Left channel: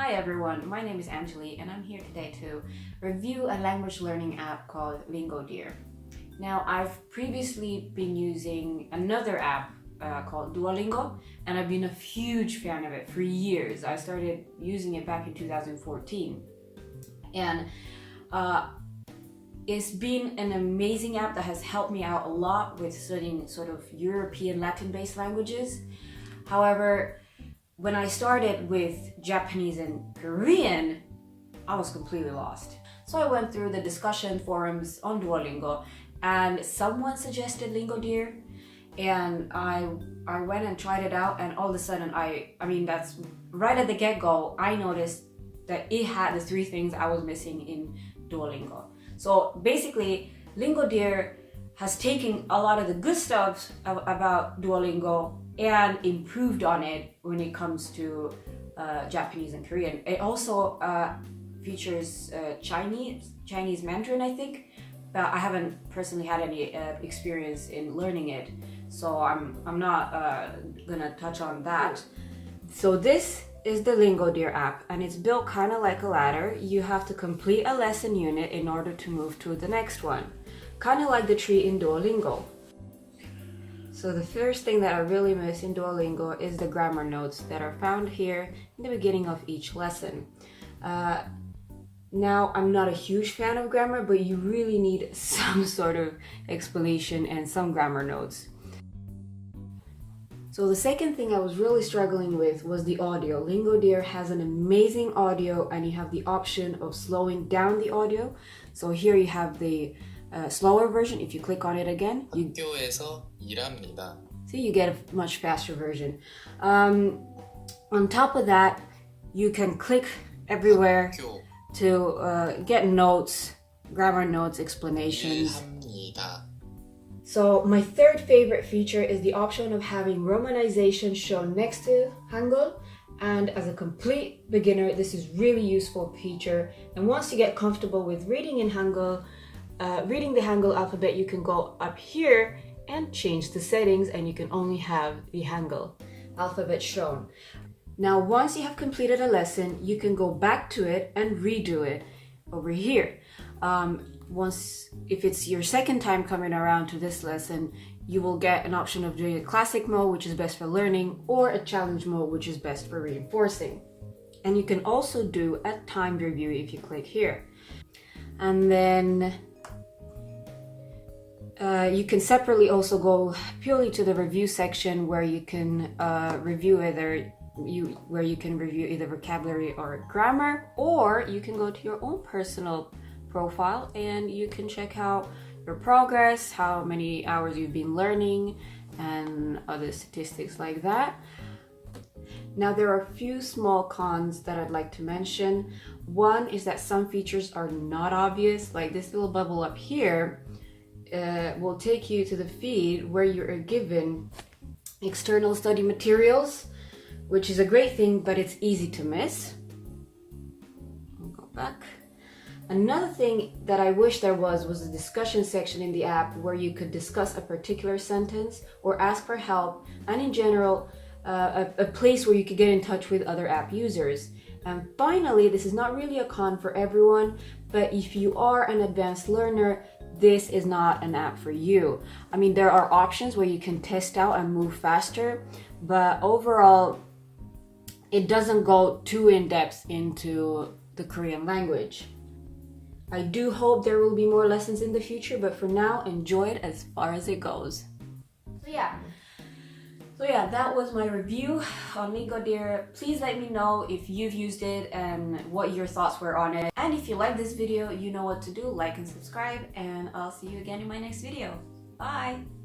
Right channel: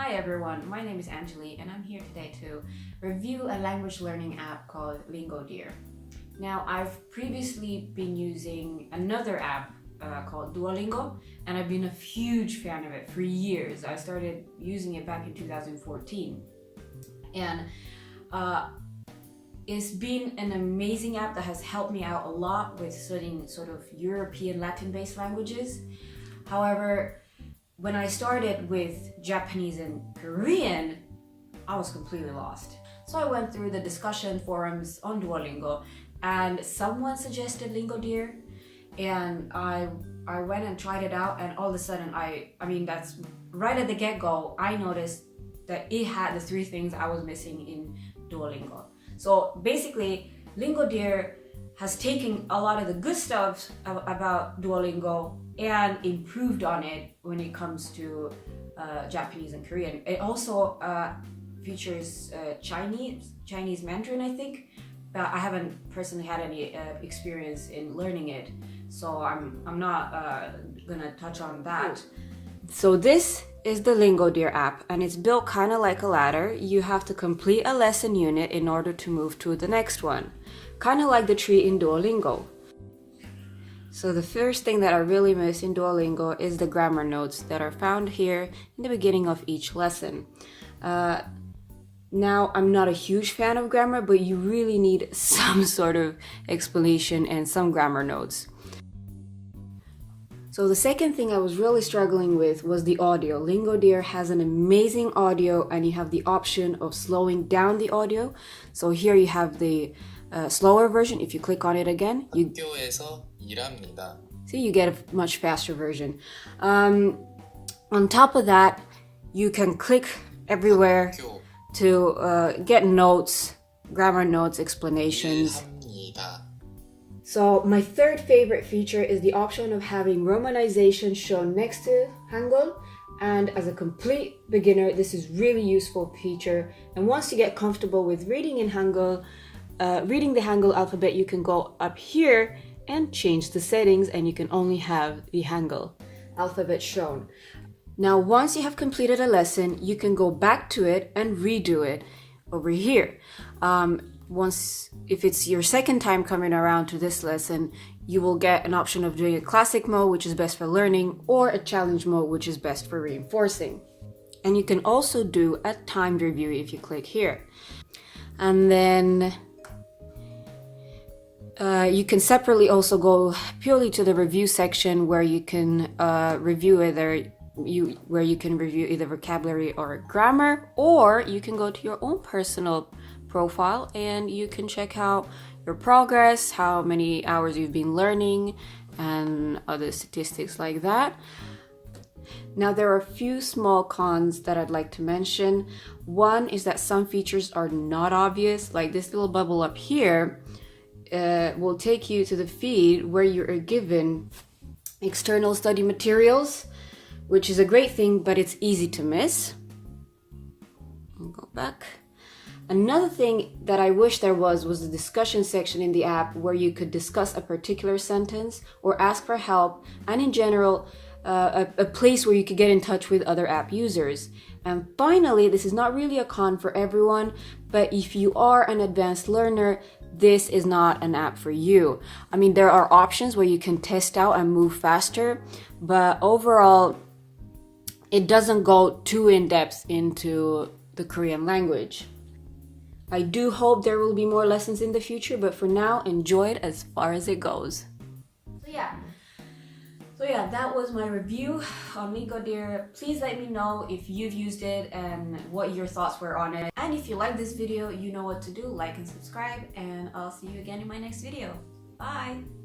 Hi everyone, my name is Angeli and I'm here today to review a language learning app called LingoDeer. Now, I've previously been using another app called Duolingo, and I've been a huge fan of it for years. I started using it back in 2014, and it's been an amazing app that has helped me out a lot with studying sort of European Latin-based languages. However, when I started with Japanese and Korean, I was completely lost. So I went through the discussion forums on Duolingo and someone suggested LingoDeer, and I went and tried it out, and all of a sudden I mean that's right at the get-go, I noticed that it had the three things I was missing in Duolingo. So basically, LingoDeer has taken a lot of the good stuff about Duolingo and improved on it when it comes to Japanese and Korean. It also features Chinese Mandarin, I think. But I haven't personally had any experience in learning it, so I'm not gonna touch on that. So this is the LingoDeer app, and it's built kind of like a ladder. You have to complete a lesson unit in order to move to the next one, kind of like the tree in Duolingo. So the first thing that I really miss in Duolingo is the grammar notes that are found here in the beginning of each lesson. Now, I'm not a huge fan of grammar, but you really need some sort of explanation and some grammar notes. So the second thing I was really struggling with was the audio. LingoDeer has an amazing audio, and you have the option of slowing down the audio. So here you have the slower version. If you click on it again, 학교에서 일합니다. See, you get a much faster version. On top of that, you can click everywhere to get notes, grammar notes, explanations. 일합니다. So my third favorite feature is the option of having romanization shown next to Hangul. And as a complete beginner, this is really useful feature. And once you get comfortable with reading in Hangul, reading the Hangul alphabet, you can go up here and change the settings, and you can only have the Hangul alphabet shown. Now, once you have completed a lesson, you can go back to it and redo it over here. If it's your second time coming around to this lesson, you will get an option of doing a classic mode, which is best for learning, or a challenge mode, which is best for reinforcing. And you can also do a timed review if you click here. And then you can separately also go purely to the review section where you can review either vocabulary or grammar, or you can go to your own personal profile and you can check out your progress, how many hours you've been learning, and other statistics like that. Now, there are a few small cons that I'd like to mention. One is that some features are not obvious, like this little bubble up here will take you to the feed where you are given external study materials, which is a great thing, but it's easy to miss. I'll go back. Another thing that I wish there was the discussion section in the app where you could discuss a particular sentence or ask for help, and in general, a place where you could get in touch with other app users. And finally, this is not really a con for everyone, but if you are an advanced learner, this is not an app for you. I mean, there are options where you can test out and move faster, but overall, it doesn't go too in depth into the Korean language. I do hope there will be more lessons in the future, but for now, enjoy it as far as it goes. So yeah, that was my review on LingoDeer. Please let me know if you've used it and what your thoughts were on it. And if you like this video, you know what to do. Like and subscribe, and I'll see you again in my next video. Bye!